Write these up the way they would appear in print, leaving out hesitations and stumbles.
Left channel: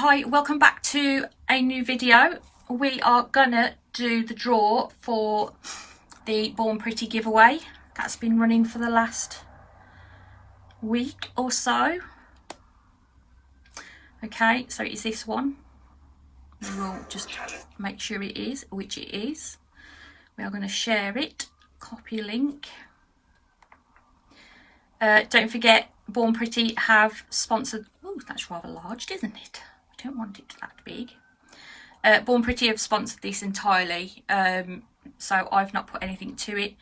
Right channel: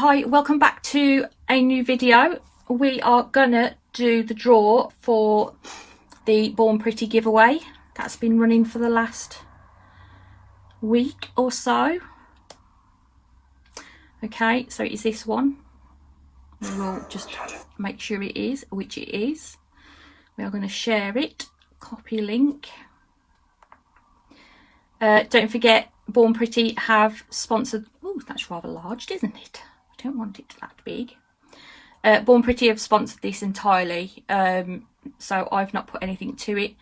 Hi, welcome back to a new video. We are gonna do the draw for the Born Pretty giveaway that's been running for the last week or so. Okay, so it's this one. We will just make sure it is, which it is. We are going to share it, copy link. Don't forget, Born Pretty have sponsored. Oh, that's rather large, isn't it? I don't want it that big. Born Pretty have sponsored this entirely, so I've not put anything to it.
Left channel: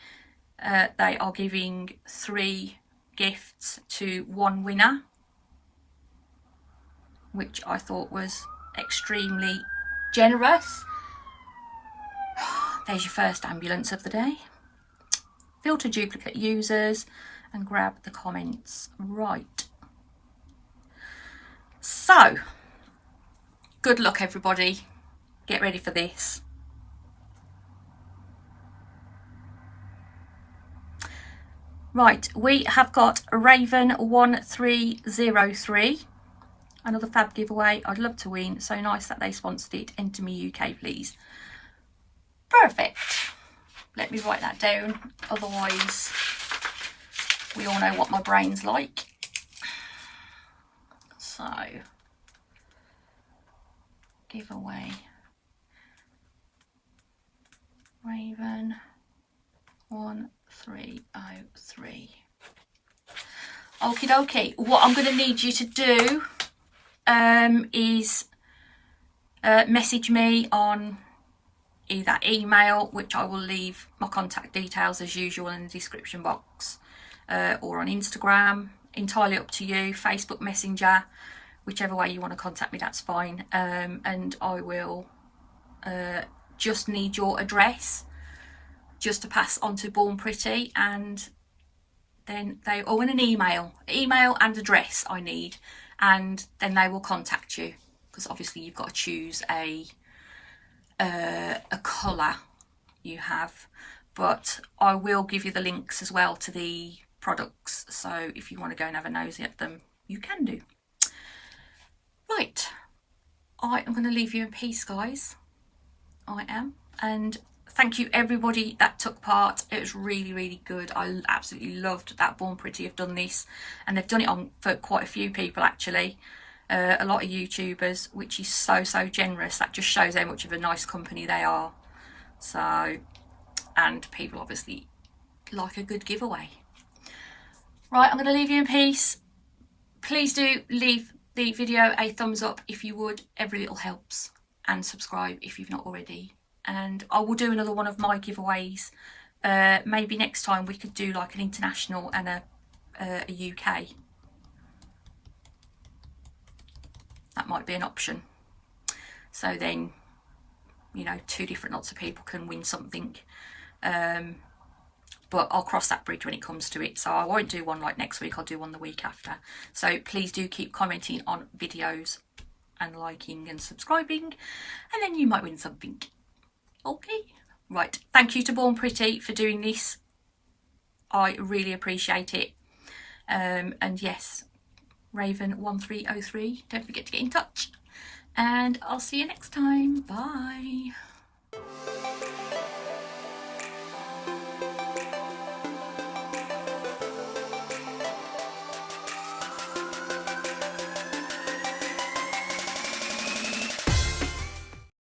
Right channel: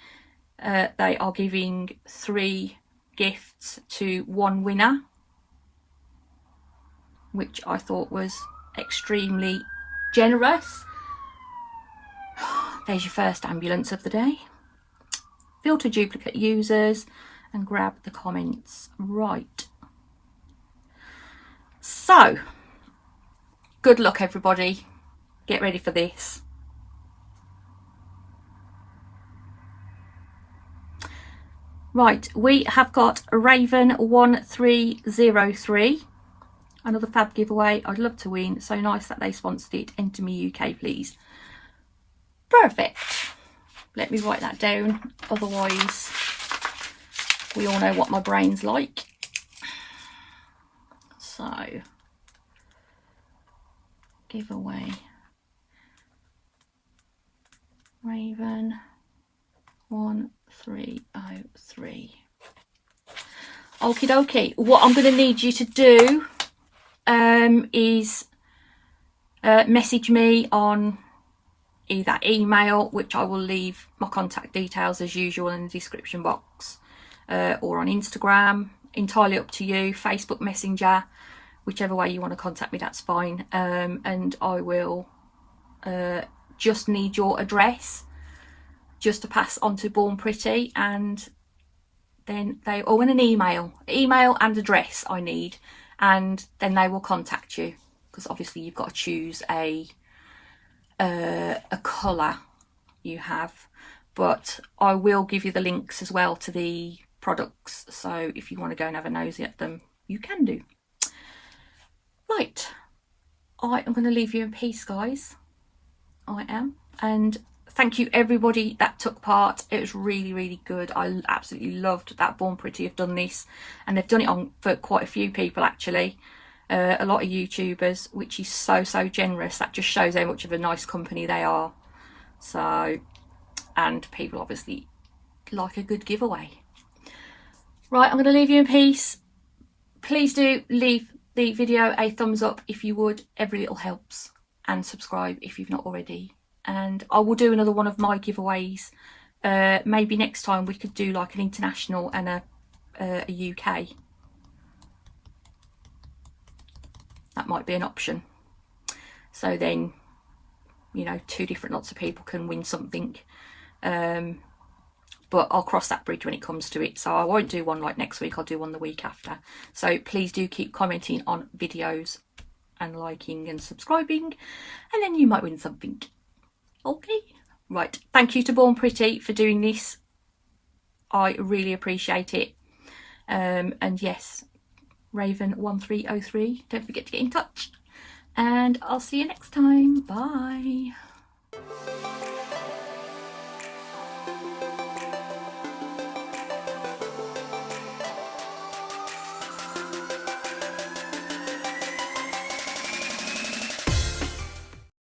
They are giving 3 gifts to 1 winner, which I thought was extremely generous. There's your first ambulance of the day. Filter duplicate users and grab the comments. Right. So, good luck everybody. Get ready for this. Right, we have got Raven1303. Another fab giveaway. I'd love to win. So nice that they sponsored it. Enter me UK, please. Perfect. Let me write that down. Otherwise, we all know what my brain's like. So, giveaway. Raven 1303. Okie dokie. What I'm going to need you to do is message me on either email, which I will leave my contact details as usual in the description box, or on Instagram, entirely up to you, Facebook Messenger, whichever way you want to contact me, that's fine. And I will just need your address just to pass on to Born Pretty, and then they, or in an email and address I need, and then they will contact you, because obviously you've got to choose a colour you have, but I will give you the links as well to the products, so if you want to go and have a nosy at them, you can do. Right, I am going to leave you in peace, guys. I am. And thank you everybody that took part. It was really good. I absolutely loved that Born Pretty have done this, and they've done it on for quite a few people actually, a lot of YouTubers, which is so generous. That just shows how much of a nice company they are. So, and people obviously like a good giveaway. Right, I'm going to leave you in peace. Please do leave the video a thumbs up if you would. Every little helps. And subscribe if you've not already. And I will do another one of my giveaways. Maybe next time we could do like an international and a UK. That might be an option. So then, you know, 2 different lots of people can win something. But I'll cross that bridge when it comes to it. So I won't do one like next week. I'll do one the week after. So please do keep commenting on videos and liking and subscribing, and then you might win something. Okay. Right. Thank you to Born Pretty for doing this. I really appreciate it. And yes, Raven1303. Don't forget to get in touch. And I'll see you next time. Bye.